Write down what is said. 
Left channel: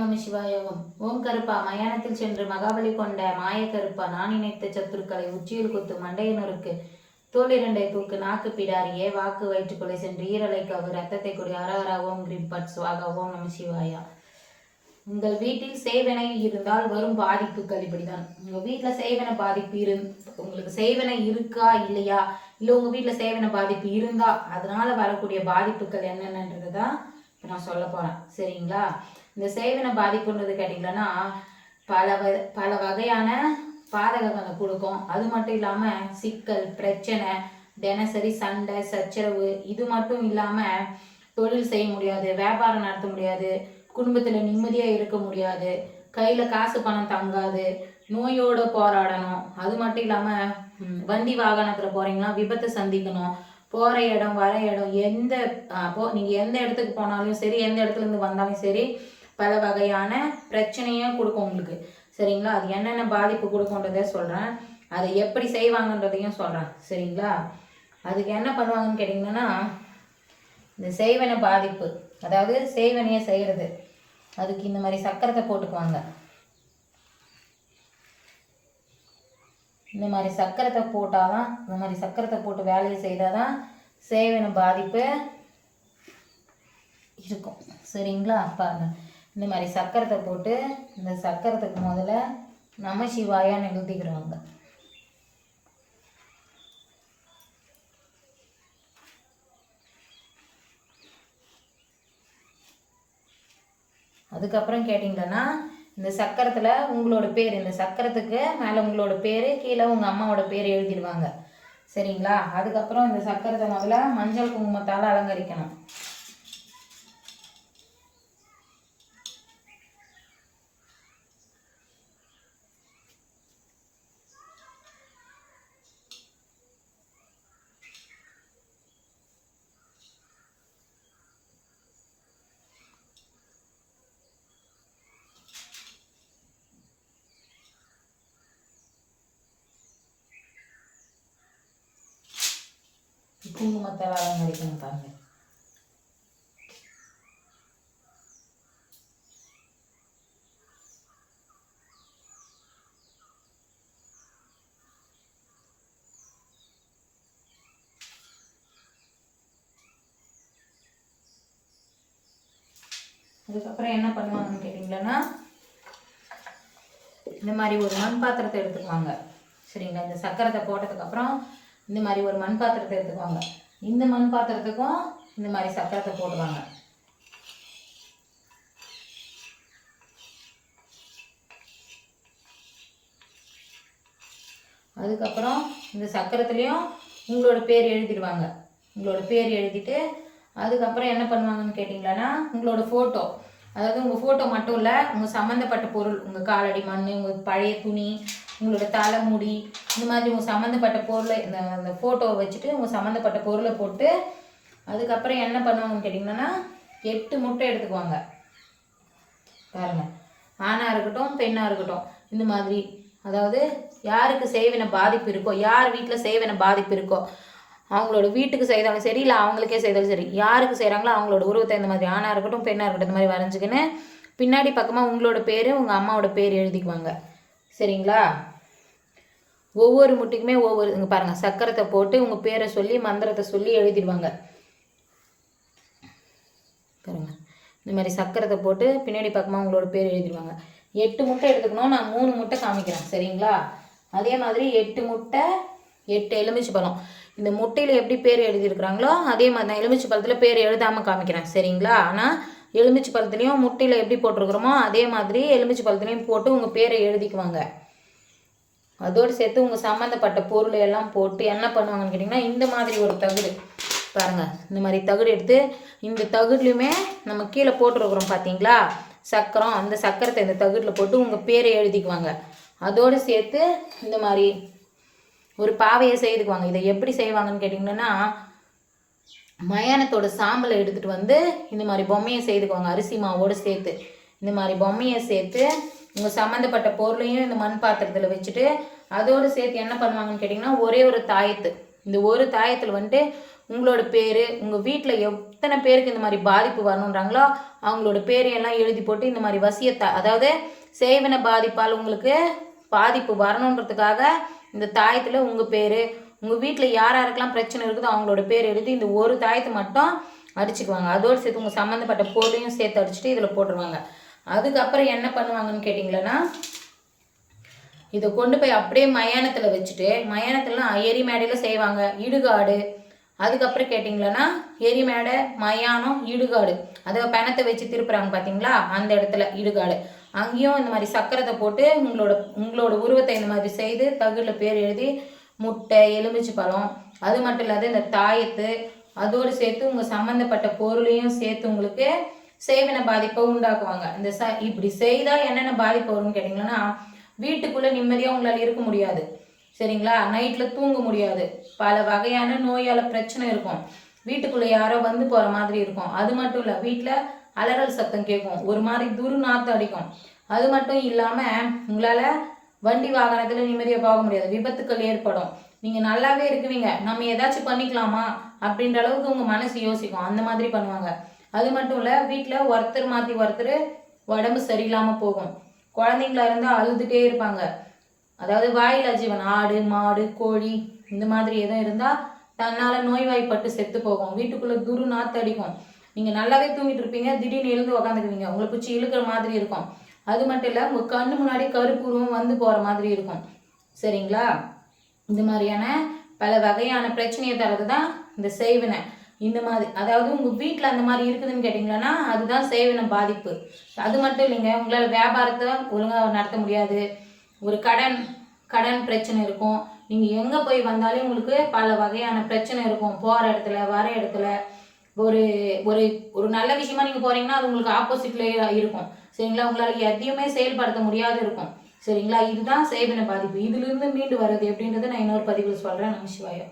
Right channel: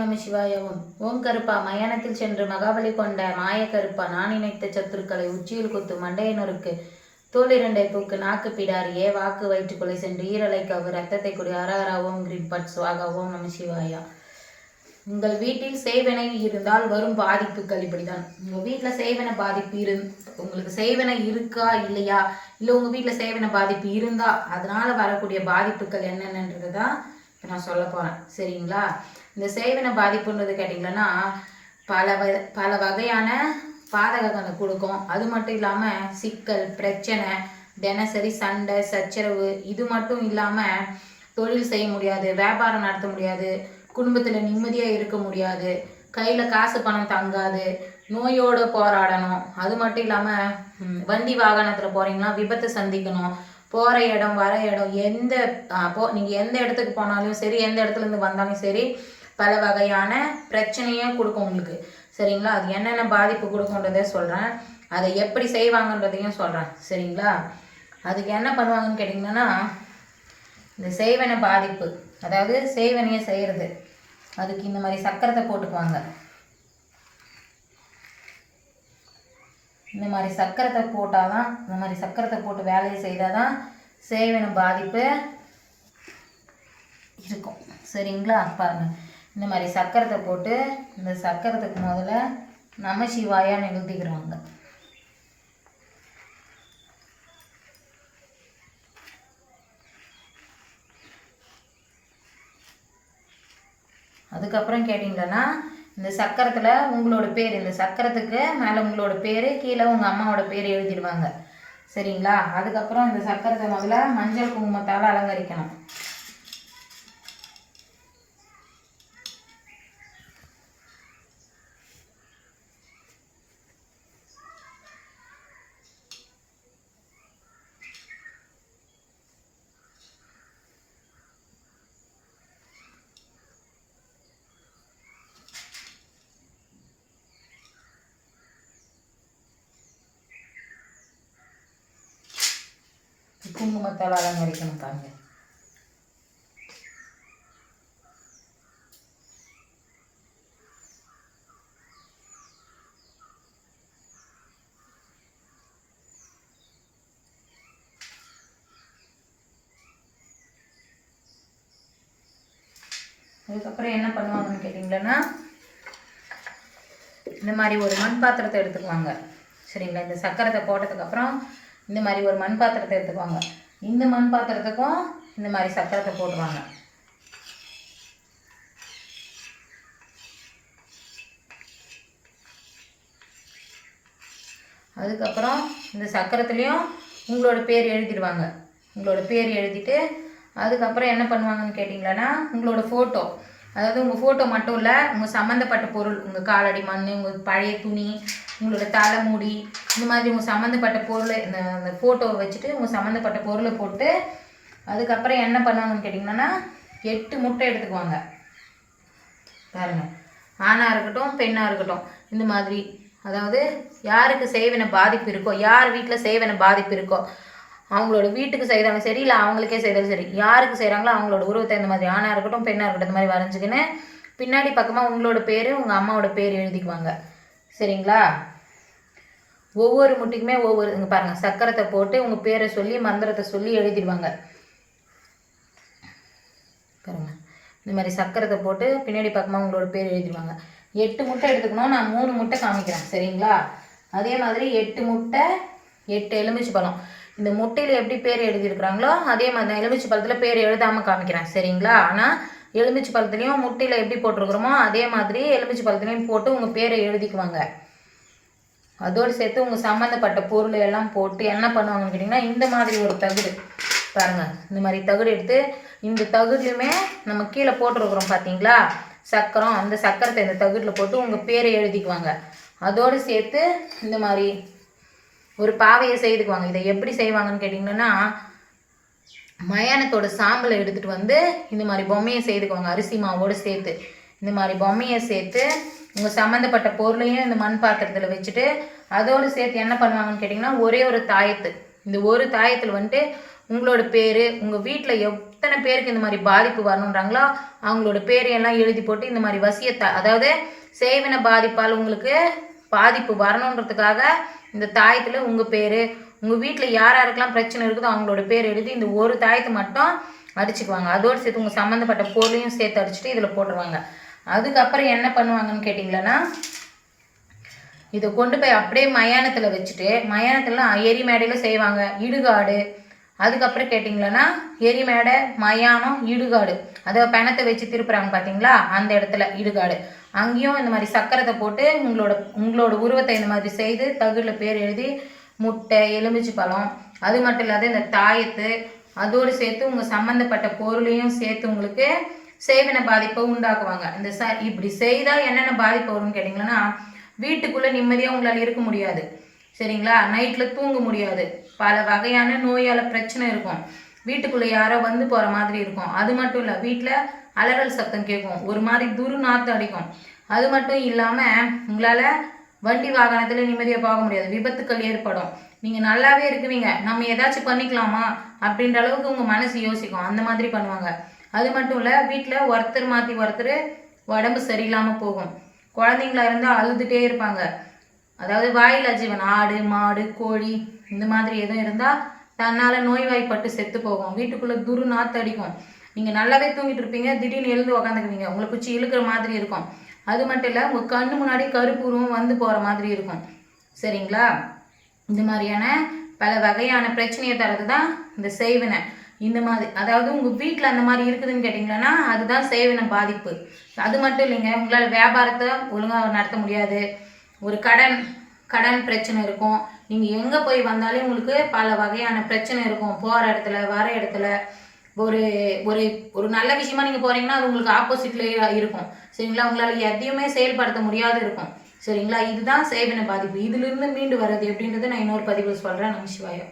நம சிவாயவும். ஓம் கருப்பா மயானத்தில் சென்று மகாபலி கொண்ட மாய கருப்பா நான் நினைத்த சத்துருக்களை உச்சியில் குத்து மண்டையனருக்கு தோளிரண்டை தூக்கு நாக்கு பிடாரியே வாக்கு வயிற்றுக்குள்ளே சென்று ஈரலை கவு ரத்தத்தை குடி அரஹரா ஓம் கிரீம் பட் சுவாகா ஓம் நம சிவாயா. உங்கள் வீட்டில் செய்வனை இருந்தால் வரும் பாதிப்புகள் இப்படிதான். உங்கள் வீட்டில் செய்வன பாதிப்பு இரு உங்களுக்கு செய்வனை இருக்கா இல்லையா? இல்லை உங்கள் வீட்டில் செய்வன பாதிப்பு இருந்தா அதனால வரக்கூடிய பாதிப்புகள் என்னென்னன்றது தான் இப்போ நான் சொல்ல போகிறேன் சரிங்களா? இந்த சேவனை பாதிப்புன்றது கேட்டிங்கன்னா பல வ பல வகையான பாதகங்களை கொடுக்கும். அது மட்டும் இல்லாமல் சிக்கல் பிரச்சனை தினசரி சண்டை சச்சரவு இது மட்டும் இல்லாமல் தொழில் செய்ய முடியாது வியாபாரம் நடத்த முடியாது குடும்பத்தில் நிம்மதியாக இருக்க முடியாது கையில் காசு பணம் தங்காது நோயோடு போராடணும். அது மட்டும் இல்லாமல் வண்டி வாகனத்தில் போகிறீங்கன்னா விபத்தை சந்திக்கணும். போகிற இடம் வர இடம் எந்த போ நீங்கள் எந்த இடத்துக்கு போனாலும் சரி எந்த இடத்துலேருந்து வந்தாலும் சரி பல வகையான பிரச்சனையும் கொடுக்கும் உங்களுக்கு. சரிங்களா? அது என்னென்ன பாதிப்பு கொடுக்குன்றதை சொல்கிறேன் அதை எப்படி செய்வாங்கன்றதையும் சொல்கிறேன் சரிங்களா? அதுக்கு என்ன பண்ணுவாங்கன்னு கேட்டிங்கன்னா இந்த செய்வன பாதிப்பு அதாவது செய்வனையை செய்கிறது அதுக்கு இந்த மாதிரி சக்கரத்தை போட்டுக்குவாங்க. இந்த மாதிரி சக்கரத்தை போட்டால் தான் இந்த மாதிரி சக்கரத்தை போட்டு வேலையை செய்தால் தான் சேவன பாதிப்பு இருக்கும். சரிங்களா? பாருங்கள் இந்த மாதிரி சக்கரத்தை போட்டு இந்த சக்கரத்துக்கு முதல்ல நம சிவாயான்னு எழுதிக்கிறோங்க அதுக்கப்புறம் கேட்டிங்கன்னா இந்த சக்கரத்தில் உங்களோட பேர் இந்த சக்கரத்துக்கு மேலே உங்களோட பேர் கீழே உங்கள் அம்மாவோட பேர் எழுதிடுவாங்க. சரிங்களா? அதுக்கப்புறம் இந்த சக்கரத்தை முதல்ல மஞ்சள் குங்குமத்தால் அலங்கரிக்கணும். குங்குமத்தால் அலங்கரிக்கணும் பாருங்க. அதுக்கப்புறம் என்ன பண்ணுவாங்கன்னு கேட்டிங்களன்னா இந்த மாதிரி ஒரு மண் பாத்திரத்தை எடுத்துக்குவாங்க. சரிங்களா? இந்த சக்கரத்தை போட்டதுக்கப்புறம் இந்த மாதிரி ஒரு மண் பாத்திரத்தை எடுத்துக்குவாங்க. இந்த மண் பாத்திரத்துக்கும் இந்த மாதிரி சக்கரத்தை போடுவாங்க அதுக்கப்புறம் இந்த சக்கரத்துலேயும் உங்களோட பேர் எழுதிடுவாங்க. உங்களோட பேர் எழுதிட்டு அதுக்கப்புறம் என்ன பண்ணுவாங்கன்னு கேட்டிங்களன்னா உங்களோட ஃபோட்டோ அதாவது உங்கள் ஃபோட்டோ மட்டும் இல்லை உங்கள் சம்மந்தப்பட்ட பொருள் உங்கள் காலடி மண் உங்கள் பழைய துணி உங்களோட தலைமுடி இந்த மாதிரி உங்கள் சம்மந்தப்பட்ட பொருளை இந்த அந்த ஃபோட்டோவை வச்சுட்டு உங்கள் சம்மந்தப்பட்ட பொருளை போட்டு அதுக்கப்புறம் என்ன பண்ணுவாங்கன்னு கேட்டிங்கன்னா எட்டு முட்டை எடுத்துக்குவாங்க. பாருங்கள் ஆணாக இருக்கட்டும் பெண்ணாக இருக்கட்டும் இந்த மாதிரி. அதாவது யாருக்கு சேவன பாதிப்பு இருக்கோ யார் வீட்டில் சேவன பாதிப்பு இருக்கோ அவங்களோட வீட்டுக்கு செய்தாலும் சரி இல்லை அவங்களுக்கே செய்தாலும் சரி யாருக்கு செய்கிறாங்களோ அவங்களோட உருவத்தை இந்த மாதிரி ஆணாக இருக்கட்டும் பெண்ணாக இருக்கட்டும் இந்த மாதிரி வரைஞ்சிக்கின்னு பின்னாடி பக்கமாக உங்களோட பேர் உங்கள் அம்மாவோட பேர் எழுதிக்குவாங்க. சரிங்களா? ஒவ்வொரு முட்டைக்குமே ஒவ்வொரு இங்கே பாருங்கள் சக்கரத்தை போட்டு உங்கள் பேரை சொல்லி மந்திரத்தை சொல்லி எழுதிடுவாங்க. பாருங்க இந்த மாதிரி சக்கரத்தை போட்டு பின்னாடி பக்கமாக உங்களோட பேர் எழுதிடுவாங்க. எட்டு முட்டை எடுத்துக்கணும் நான் மூணு முட்டை காமிக்கிறேன். சரிங்களா? அதே மாதிரி எட்டு முட்டை எட்டு எலுமிச்சை பழம். இந்த முட்டையில் எப்படி பேர் எழுதியிருக்கிறாங்களோ அதே மாதிரி தான் எலுமிச்சை பழத்தில் பேர் எழுதாமல் காமிக்கிறேன். சரிங்களா? ஆனால் எலுமிச்சை பழத்துலேயும் முட்டையில் எப்படி போட்டிருக்கிறோமோ அதே மாதிரி எலுமிச்சை பழத்துலேயும் போட்டு உங்கள் பேரை எழுதிக்குவாங்க. அதோடு சேர்த்து உங்கள் சம்மந்தப்பட்ட பொருள் எல்லாம் போட்டு என்ன பண்ணுவாங்கன்னு கேட்டிங்கன்னா இந்த மாதிரி ஒரு தகுடு பாருங்கள் இந்த மாதிரி தகுடு எடுத்து இந்த தகுடுலையுமே நம்ம கீழே போட்டிருக்கிறோம் பார்த்தீங்களா சக்கரம் அந்த சக்கரத்தை இந்த தகுடில் போட்டு உங்கள் பேரை எழுதிக்குவாங்க. அதோடு சேர்த்து இந்த மாதிரி ஒரு பாவையை செய்துக்குவாங்க. இதை எப்படி செய்வாங்கன்னு கேட்டிங்கன்னா மயானத்தோட சாம்பலை எடுத்துகிட்டு வந்து இந்த மாதிரி பொம்மையை செய்துக்குவாங்க. அரிசி மாவோடு சேர்த்து. இந்த மாதிரி பொம்மையை சேர்த்து உங்கள் சம்மந்தப்பட்ட பொருளையும் இந்த மண் பாத்திரத்தில் வச்சுட்டு அதோடு சேர்த்து என்ன பண்ணுவாங்கன்னு கேட்டிங்கன்னா ஒரே ஒரு தாயத்து. இந்த ஒரு தாயத்தில் வந்துட்டு உங்களோட பேர் உங்கள் வீட்டில் எத்தனை பேருக்கு இந்த மாதிரி பாதிப்பு வரணுன்றாங்களோ அவங்களோட பேரையெல்லாம் எழுதி போட்டு இந்த மாதிரி வசியத்தை அதாவது சேவின பாதிப்பால் உங்களுக்கு பாதிப்பு வரணுன்றதுக்காக இந்த தாயத்தில் உங்கள் பேர் உங்கள் வீட்டில் யார் யாருக்கெல்லாம் பிரச்சனை இருக்குதோ அவங்களோட பேர் எழுதி இந்த ஒரு தாயத்தை மட்டும் அடிச்சுக்குவாங்க. அதோடு சேர்த்து உங்கள் சம்மந்தப்பட்ட பொருளையும் சேர்த்து அடிச்சுட்டு இதில் போட்டுருவாங்க. அதுக்கப்புறம் என்ன பண்ணுவாங்கன்னு கேட்டிங்களன்னா இதை கொண்டு போய் அப்படியே மயானத்தில் வச்சுட்டு மயானத்துலலாம் எரி மேடையில் செய்வாங்க. இடுகாடு. அதுக்கப்புறம் கேட்டிங்களன்னா எரி மேடை மயானம் இடுகாடு. அதை பிணத்தை வச்சு திருப்புறாங்க பார்த்தீங்களா அந்த இடத்துல இடுகாடு. அங்கேயும் இந்த மாதிரி சக்கரத்தை போட்டு உங்களோட உங்களோட உருவத்தை இந்த மாதிரி செய்து தகுடில் பேர் எழுதி முட்டை எலுமிச்சை பழம் அது மட்டும் இல்லாத இந்த தாயத்து அதோடு சேர்த்து உங்கள் சம்மந்தப்பட்ட பொருளையும் சேர்த்து உங்களுக்கு சேவன பாதிப்பை உண்டாக்குவாங்க. இந்த ச இப்படி செய்தால் என்னென்ன பாதிப்பு வரும்னு கேட்டிங்கன்னா வீட்டுக்குள்ளே நிம்மதியாக உங்களால் இருக்க முடியாது. சரிங்களா? நைட்டில் தூங்க முடியாது. பல வகையான நோயால் பிரச்சனை இருக்கும். வீட்டுக்குள்ளே யாரோ வந்து போகிற மாதிரி இருக்கும். அது மட்டும் இல்லை வீட்டில் அலறல் சத்தம் கேட்கும். ஒரு மாதிரி துரு நாற்று அடிக்கும். அது மட்டும் இல்லாமல் உங்களால் வண்டி வாகனத்தில் நிம்மதியாக போக முடியாது. விபத்துக்கள் ஏற்படும். நீங்கள் நல்லாவே இருக்குவீங்க. நம்ம ஏதாச்சும் பண்ணிக்கலாமா? அப்படின்ற அளவுக்கு உங்கள் மனசு யோசிக்கும். அந்த மாதிரி பண்ணுவாங்க. அது மட்டும் இல்லை வீட்டில் ஒருத்தர் மாற்றி ஒருத்தர் உடம்பு சரியில்லாமல் போகும். குழந்தைங்களா இருந்தால் அழுதுகிட்டே இருப்பாங்க. அதாவது வாயிலா ஜீவன் ஆடு மாடு கோழி இந்த மாதிரி எதுவும் இருந்தால் தன்னால் நோய்வாய்ப்பட்டு செத்து போகும். வீட்டுக்குள்ளே துரு நாற்று அடிக்கும். நீங்கள் நல்லாவே தூங்கிட்டு இருப்பீங்க திடீர்னு எழுந்து உக்காந்துக்குவீங்க. உங்களை பிடிச்சி இழுக்கிற மாதிரி இருக்கும். அது மட்டும் இல்லை உங்கள் கண்ணு முன்னாடி கருப்புருவம் வந்து போகிற மாதிரி இருக்கும். சரிங்களா? இந்த மாதிரியான பல வகையான பிரச்சனையை தரது தான் இந்த செய்வினை இந்த மாதிரி அதாவது உங்கள் வீட்டில் அந்த மாதிரி இருக்குதுன்னு கேட்டிங்கன்னா அதுதான் சேவன பாதிப்பு. அது மட்டும் இல்லைங்க உங்களால் வியாபாரத்தை ஒழுங்காக நடத்த முடியாது. ஒரு கடன் கடன் பிரச்சனை இருக்கும். நீங்கள் எங்கே போய் வந்தாலும் உங்களுக்கு பல வகையான பிரச்சனை இருக்கும். போகிற இடத்துல வர இடத்துல ஒரு ஒரு ஒரு நல்ல விஷயமா நீங்கள் போகிறீங்கன்னா அது உங்களுக்கு ஆப்போசிட்லேயே இருக்கும். சரிங்களா? உங்களால் எதையுமே செயல்படுத்த முடியாது இருக்கும். சரிங்களா? இதுதான் சேவன பாதிப்பு. இதிலிருந்து மீண்டு வர்றது எப்படின்றத நான் இன்னொரு பதிவில் சொல்கிறேன் நம்ம சிவாயம்.